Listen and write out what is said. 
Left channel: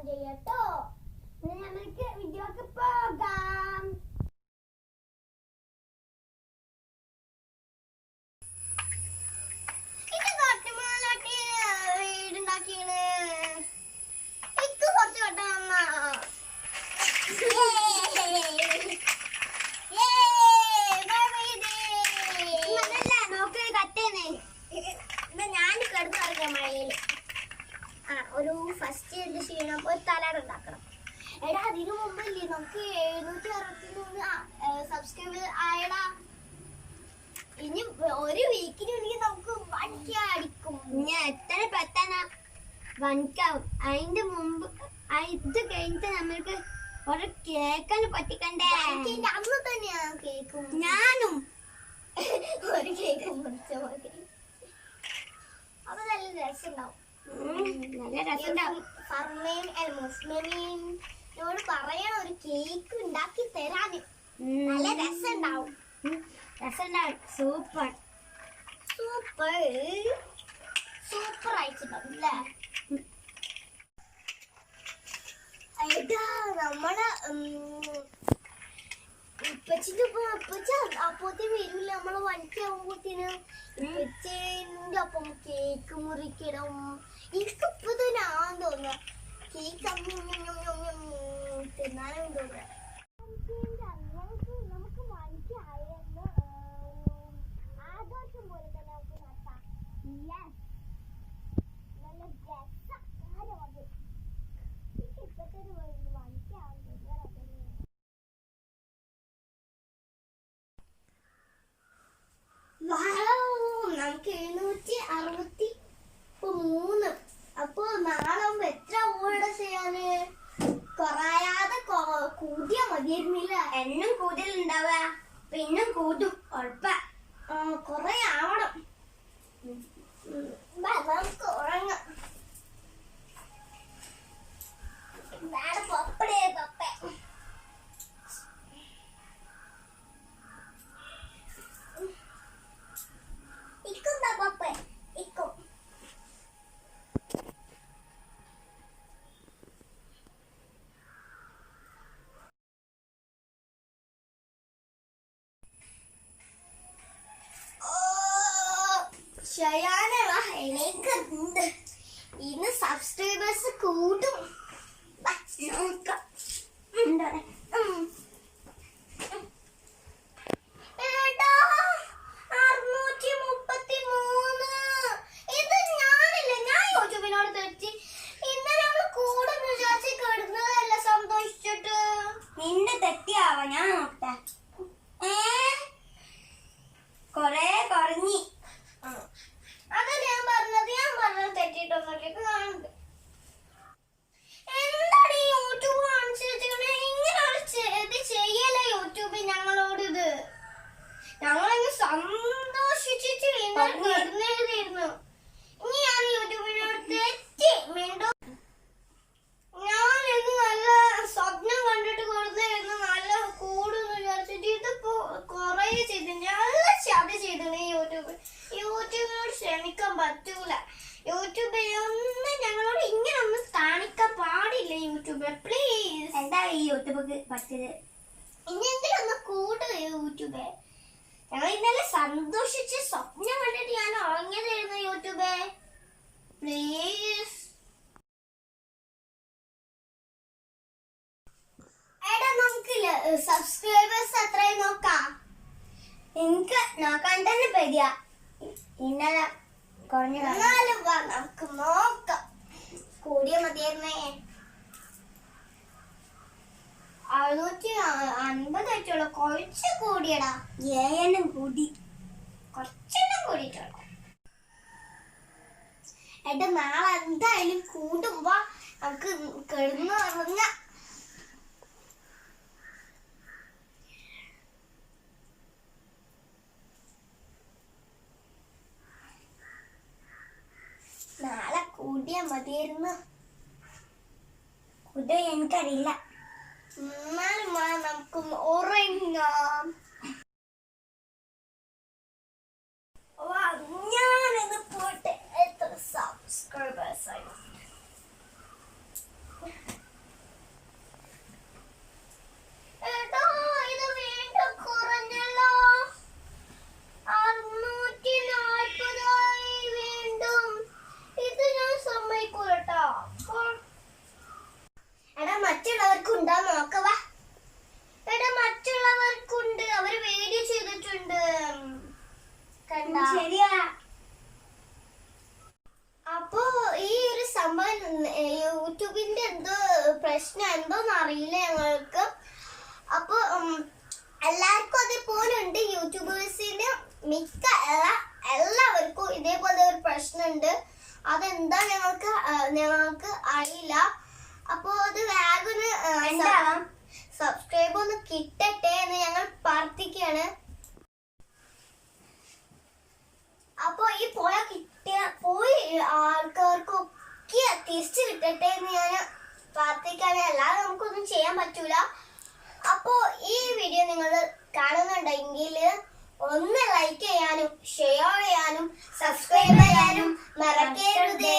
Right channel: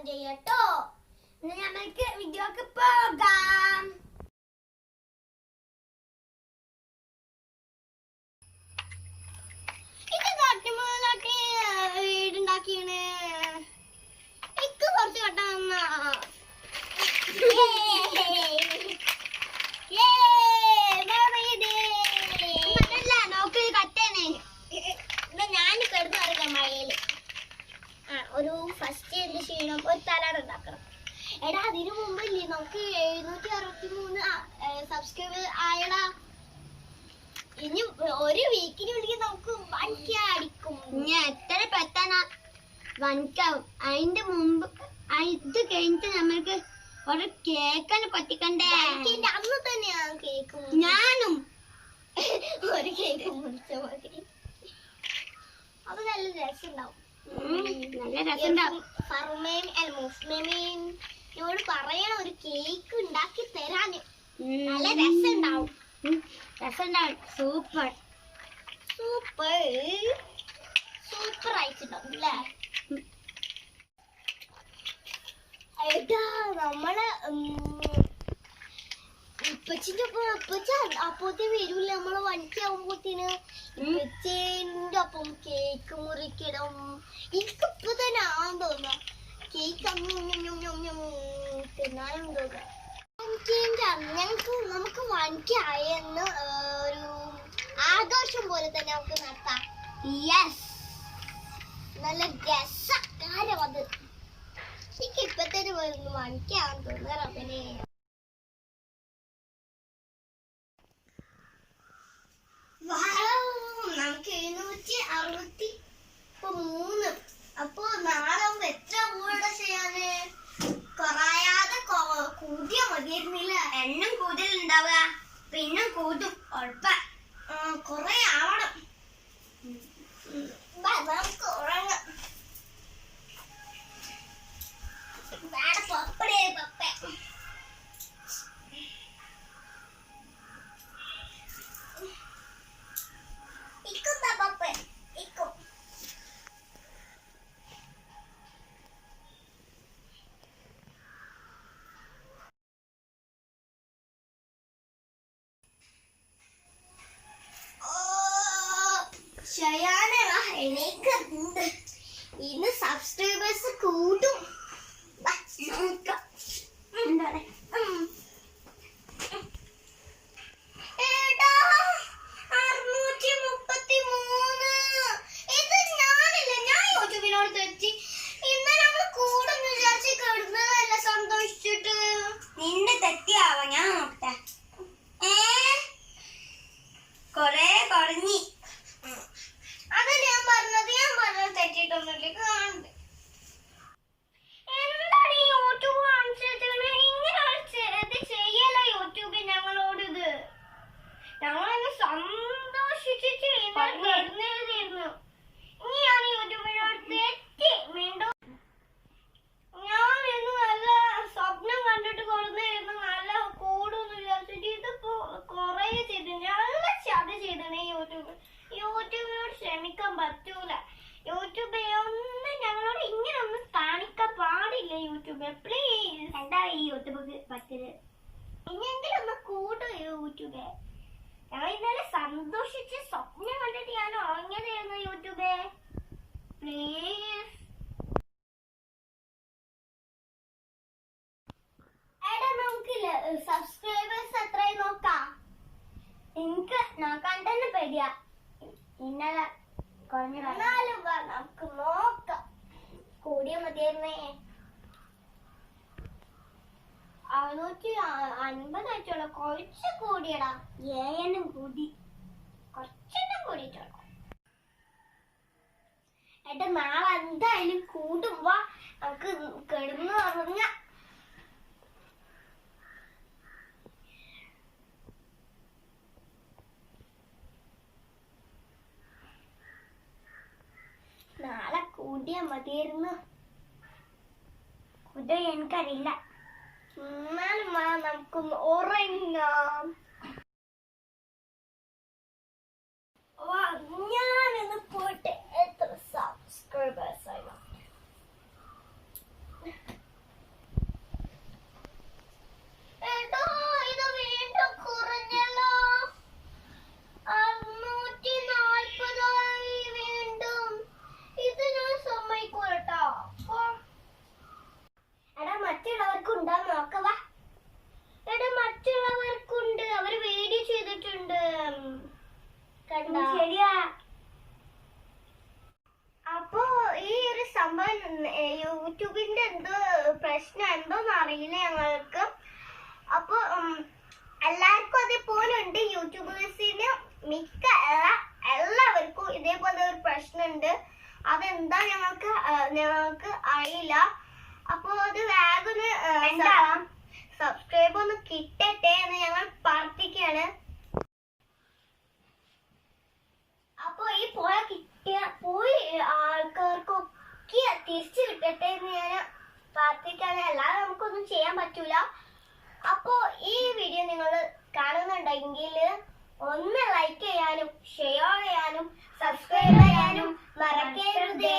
Comment ചെയ്യട്ടോ. നമുക്ക് വീഡിയോക്ക് പോകാം. ഇത് കാട്ടിമാലാട്ടി വീടുണ്ടാക്കിയാണ്. ഇക്ക് കുറച്ച് കട്ടാന്ന ഒരു ഫസ്റ്റ് എന്ത് ചെയ്യണം, ഒരു തലാട് ഉണ്ടാക്കണം. എടാ അതിനു മുമ്പല്ലേ നമുക്ക് 763 സബ്സ്ക്രൈബർ ആയടാ. ഇനി ഒരു വീക്കിനുള്ളിൽ നമുക്ക് 1K അടിക്കും. ഇനി എത്ര പെട്ടെന്നാ 1K ആവും. അതിന്റെ മുമ്പ് ഇത് കഴിഞ്ഞിട്ട് നമ്മൾക്ക് ഒരു കേക്കാണ് പറ്റിക്കണ്ടേ. അന്ന് തന്നെയാ കേക്കും. ഞാനും ഒരു കേക്ക് മുറിച്ച മതി. അത് നല്ല രസമുണ്ടാവും. ഫർമേമിനോട് പറയണം ഒരു കേക്ക് ഉണ്ടാക്കി തരാന്. നല്ല രസമുണ്ടാവും. സൂപ്പർ സൂപ്പർ സൂപ്പർ ആയിട്ടുണ്ടാവും അല്ലേ? ഏട്ടാ നമ്മള് ഇപ്പച്ചിന്റെ അപ്പോഴത്തെ വരൂല. നമ്മള് 1K ആവുമ്പോഴത്തേന് ഇപ്പച്ചേന്റെ ഒപ്പം കേക്ക് മുറിക്കണം. എനിക്കിപ്പോ തന്നെ ആവാൻ തോന്നുക കേക്ക് തിന്നാനും തോന്നുക. നമുക്ക് 1K ആയെന്ന് ഒരു ആഘോഷം പോലെ തന്നെ നമുക്ക് നടത്താം. യെസ്, നല്ല രസകാരം അത്. എനിക്ക് ഇപ്പത്തേന് 1K ആവാൻ തോന്നുക. റബ്ബിനെ നമുക്ക് 763. അപ്പൊ നാളെ എത്ര ഊടെ ചെയ്യാന്? കുറയാതെ കൂട്ടിയാ മതിയായിരുന്നില്ല. എണ്ണം കൂടുതലുണ്ടാവുക, പിന്നെ കൂട്ടും ഉറപ്പ. കൊറേ ആവണം. നമുക്ക് ഉറങ്ങാം. പപ്പടേ പപ്പ ഇന്ന് സബ്സ്ക്രൈബേഴ്സ് കൂട്ടും. നിന്റെ തെറ്റിയാവാ ഞാൻ നോക്കട്ടെ. കൊറേ കുറഞ്ഞി. അതല്ല ഞാൻ പറഞ്ഞത് തെറ്റിട്ടൊന്നുമില്ല. കാണുന്നുണ്ട്. എന്താണ് ഈ യൂട്യൂബ് അനുസരിച്ച് ഇങ്ങനെ ഇത് ചെയ്യല യൂട്യൂബിൽ ഞങ്ങളോട്. ഇത് ഞങ്ങളങ്ങ് സന്തോഷിച്ചിട്ട് എഴുന്നേരുന്നു. ഇനി ഞാൻ യൂട്യൂബിനോട് തെറ്റി വീണ്ടും ഞാനിത് നല്ല സ്വപ്നം കണ്ടിട്ട് കൊടുത്തിരുന്നു. നല്ല കൂടുന്ന് വിചാരിച്ചിട്ട് ഇതിപ്പോ കൊറേ ചെയ്തിട്ടുണ്ട്. നല്ല ചതി ചെയ്തിട്ടുണ്ട് യൂട്യൂബിനോട് ക്ഷമിക്കാൻ പറ്റൂല. യൂട്യൂബിൽ ഒന്നും ഞങ്ങളോട് ഇങ്ങനെ ഒന്നും കാണിക്കാൻ പാടില്ല. യൂട്യൂബിൽ പ്ലീസ്. എന്താ ഈ യൂട്യൂബ് പറ്റത്? ഇനിയെങ്കിലും ഒന്ന് കൂട് യൂട്യൂബ്. ഞങ്ങൾ ഇന്നലെ സന്തോഷിച്ച് സ്വപ്നം കണ്ടിട്ട് ഞാൻ ഉറങ്ങിയതായിരുന്നു യൂട്യൂബ്. പ്ലീസ്. എടാ നമുക്ക് സബ്സ്ക്രൈബേഴ്സ് എത്രയും നോക്കാം. എനിക്ക് നോക്കാൻ തന്നെ പേടിയാ. ഇന്നലെ കുറഞ്ഞാലും നമുക്ക് നോക്കാം. കൂടിയ മതിയായിരുന്നേ. 650 ആയിട്ടുള്ള കുറച്ച് കൂടിയടാ. ഏഴെണ്ണം കൂടി, കുറച്ചെണ്ണം കൂടിയിട്ടുള്ളു. എടാ നാളെ എന്തായാലും കൂടുമ്പോ നമുക്ക് കിടന്നു ഉറങ്ങാം. നാളെ കൂടിയാ മതിയായിരുന്നു. കുതിര എനിക്കറിയില്ല. എന്നാലും നമുക്ക് ഉറങ്ങാം. ഞാനിന്ന് പോയിട്ട് എത്ര സബ്സ്ക്രൈബേഴ്സ് ആയി. പ്രശ്നം എന്തോന്ന് അറിയില്ല ഞങ്ങൾക്ക്. അപ്പൊ എല്ലാവർക്കും അതേപോലെ ഉണ്ട്. യൂട്യൂബേഴ്സിന് മിക്ക എല്ലാവർക്കും ഇതേപോലെ ഒരു പ്രശ്നമുണ്ട്. അതെന്താ ഞങ്ങൾക്ക് അറിയില്ല. അപ്പൊ അത് വേഗം സബ്സ്ക്രൈബ് ഒന്ന് കിട്ടട്ടെ എന്ന് ഞങ്ങൾ പ്രാർത്ഥിക്കുകയാണ്. അപ്പൊ ഈ പോയി ആൾക്കാർക്കൊക്കെ തിരിച്ചു കിട്ടട്ടെ എന്ന് ഞാൻ പ്രാർത്ഥിക്കുകയാണ്. അല്ലാതെ നമുക്കൊന്നും ചെയ്യാൻ പറ്റൂല. അപ്പോ ഈ വീഡിയോ നിങ്ങൾ കാണുന്നുണ്ടെങ്കിൽ ഒന്ന് ലൈക്ക് ചെയ്യാനും ഷെയർ ചെയ്യാനും സബ്സ്ക്രൈബ് ചെയ്യാനും മറക്കരുതേ.